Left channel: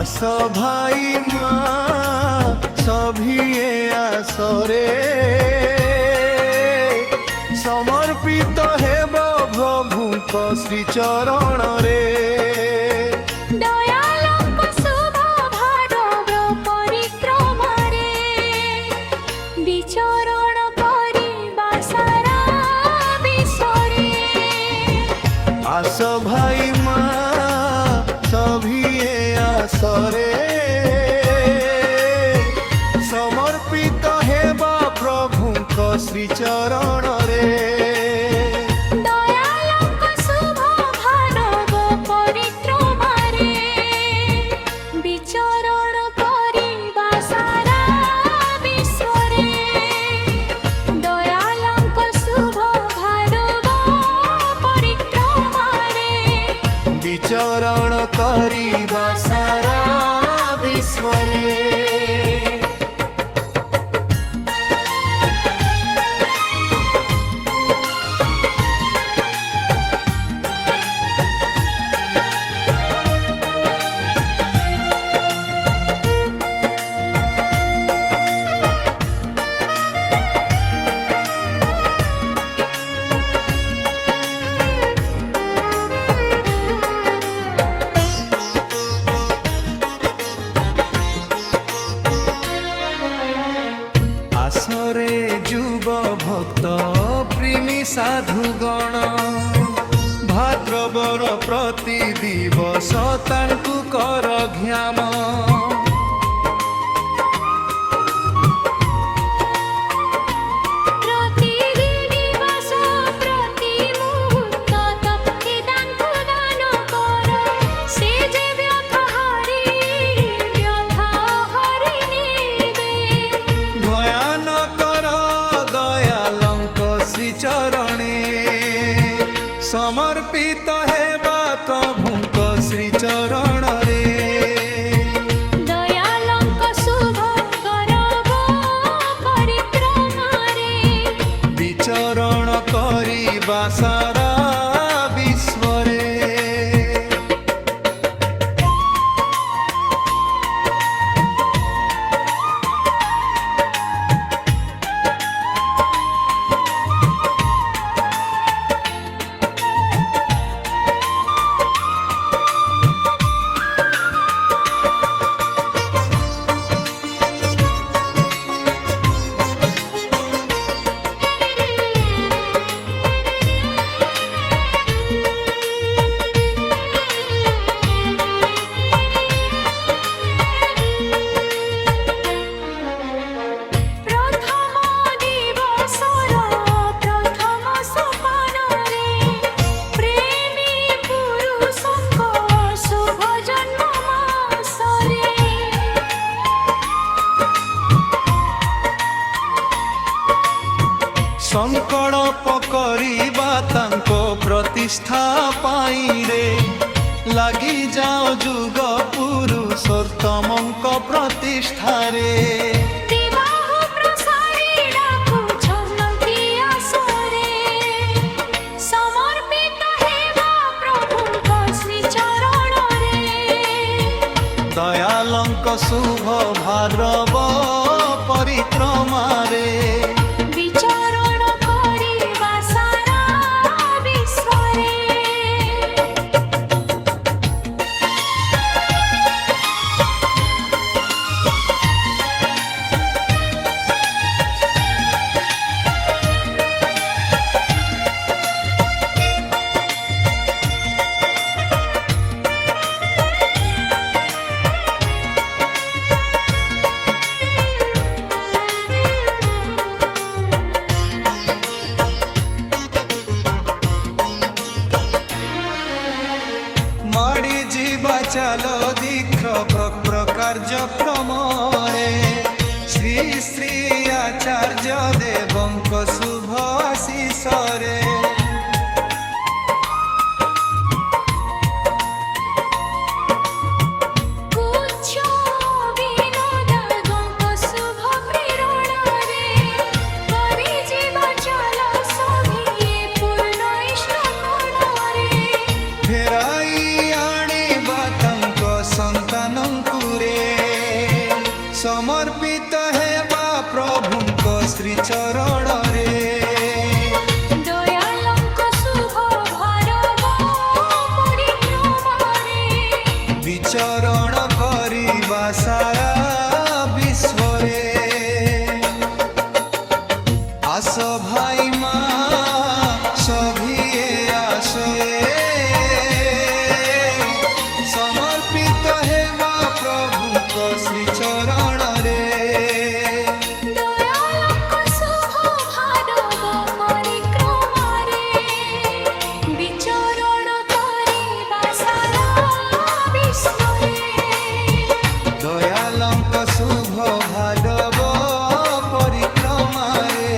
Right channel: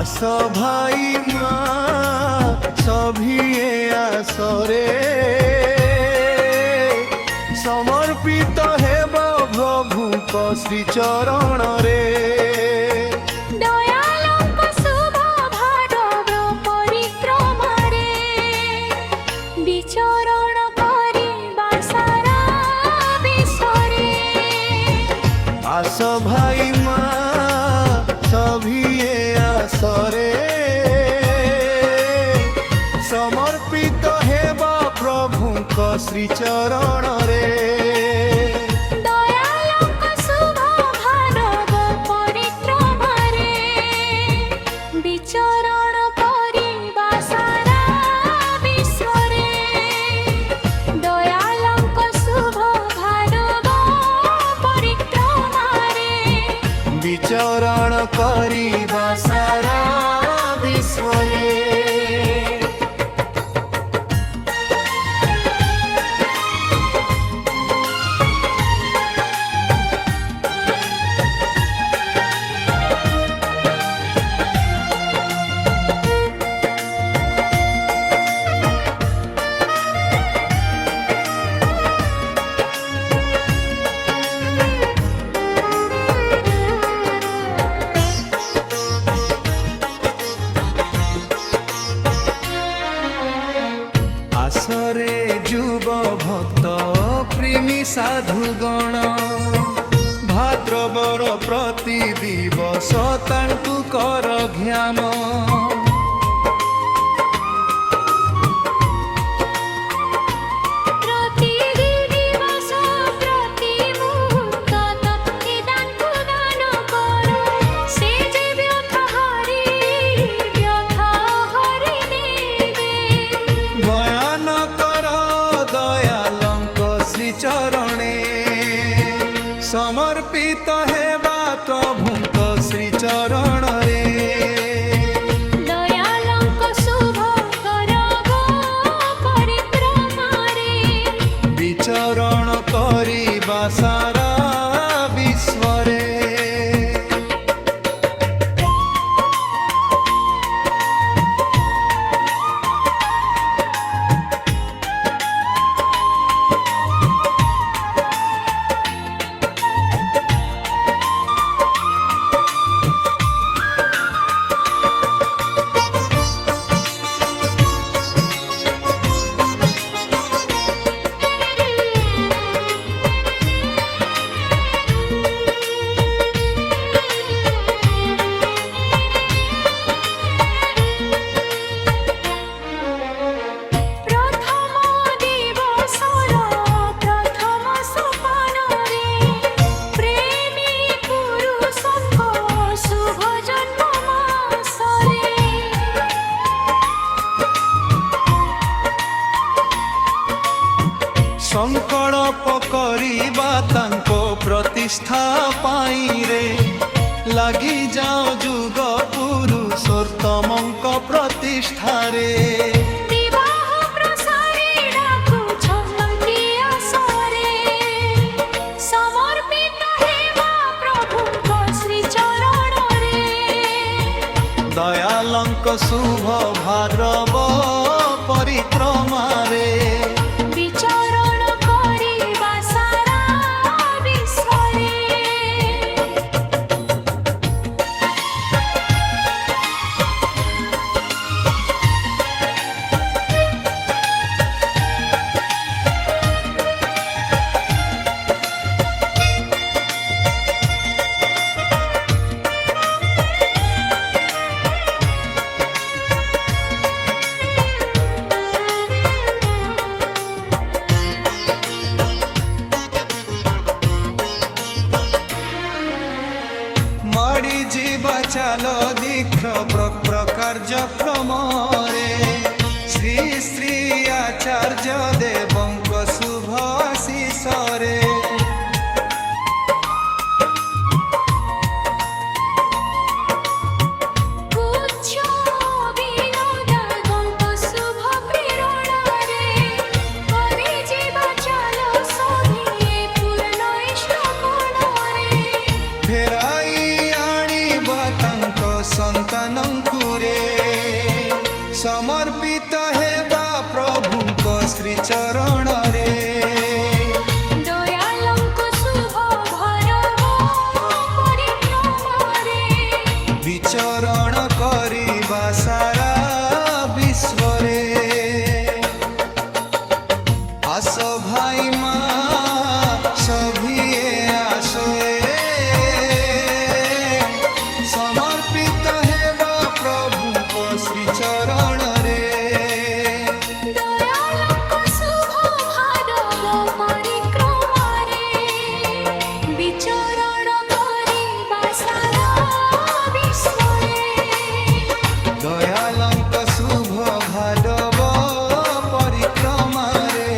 आस भाई माँ सभिए आसरे समर्पित हेब प्रभुक श्री चरण रे। दयालुक शुभ भाडव परिक्रमारे विचरण करिबा सारा विश्वरे। आस भाई माँ सभिए आसरे समर्पित हेबा प्रभुक श्री चरण रे। दयालुक शुभ भाडव परिक्रमारे विचरण करिबा सारा विश्वरे। दयालुक शुभ भाडव परिक्रमारे विचरण करिबा सारा विश्वरे। आसरे जुब भक्त प्रेमी साधुगण भाद्रवर प्रति दिवस तांकु कर घ्याम। प्रति दिवस प्रति मुहूर्त तप्ति दानकु दान कर। से जे व्यथा हरि नेबे। भयान कर दयालंक श्री चरणे समर्पित हेबा प्रभुक श्री चरण रे। दयालुक शुभ करब परिक्रमारे विचरण करिबा सारा विश्वरे। प्रथम दिवसर प्रथम सोपानरे प्रेमी पुरुषଙ୍କ शुभ जन्म मासरे। संकल्प करिबा तांको प्रतिष्ठा पाई रे लागि जाओ जुग पुरुषोत्तमଙ୍କ प्रतिष्ठा रे। विवाह प्रसारी डाकुछन्ति आसरे समर्पित हेबा प्रभुଙ୍କ श्री चरण रे। दयालंक शुभ भाद्रव परिक्रमा रे विचरण करिबा सारा विश्वरे। माड़ी जीवा चालो दीक्ष प्रकार्यक्रम रे श्री श्री आचार्य देवंक शुभ आशीष रे। कुच्छ विनोदागंक शुभ प्रेरणारे करे जीवा चालो सभिए पूर्ण इष्ट कोणरे। फेराई आनिबा तांको सन्तानंकु रे समर्पित हेबा प्रभुंक श्री चरण रे दयालंक शुभ भारव परिक्रमारे विचरण करिबा सारा विश्व रे आस भाई माँ सभिए आसोए समर्पित हेबा प्रभुंक श्री चरण रे दयालंक शुभ भारव परिक्रमारे विचरण करिबा सारा विश्वरे दयालंक शुभ भादव परिक्रमा रे।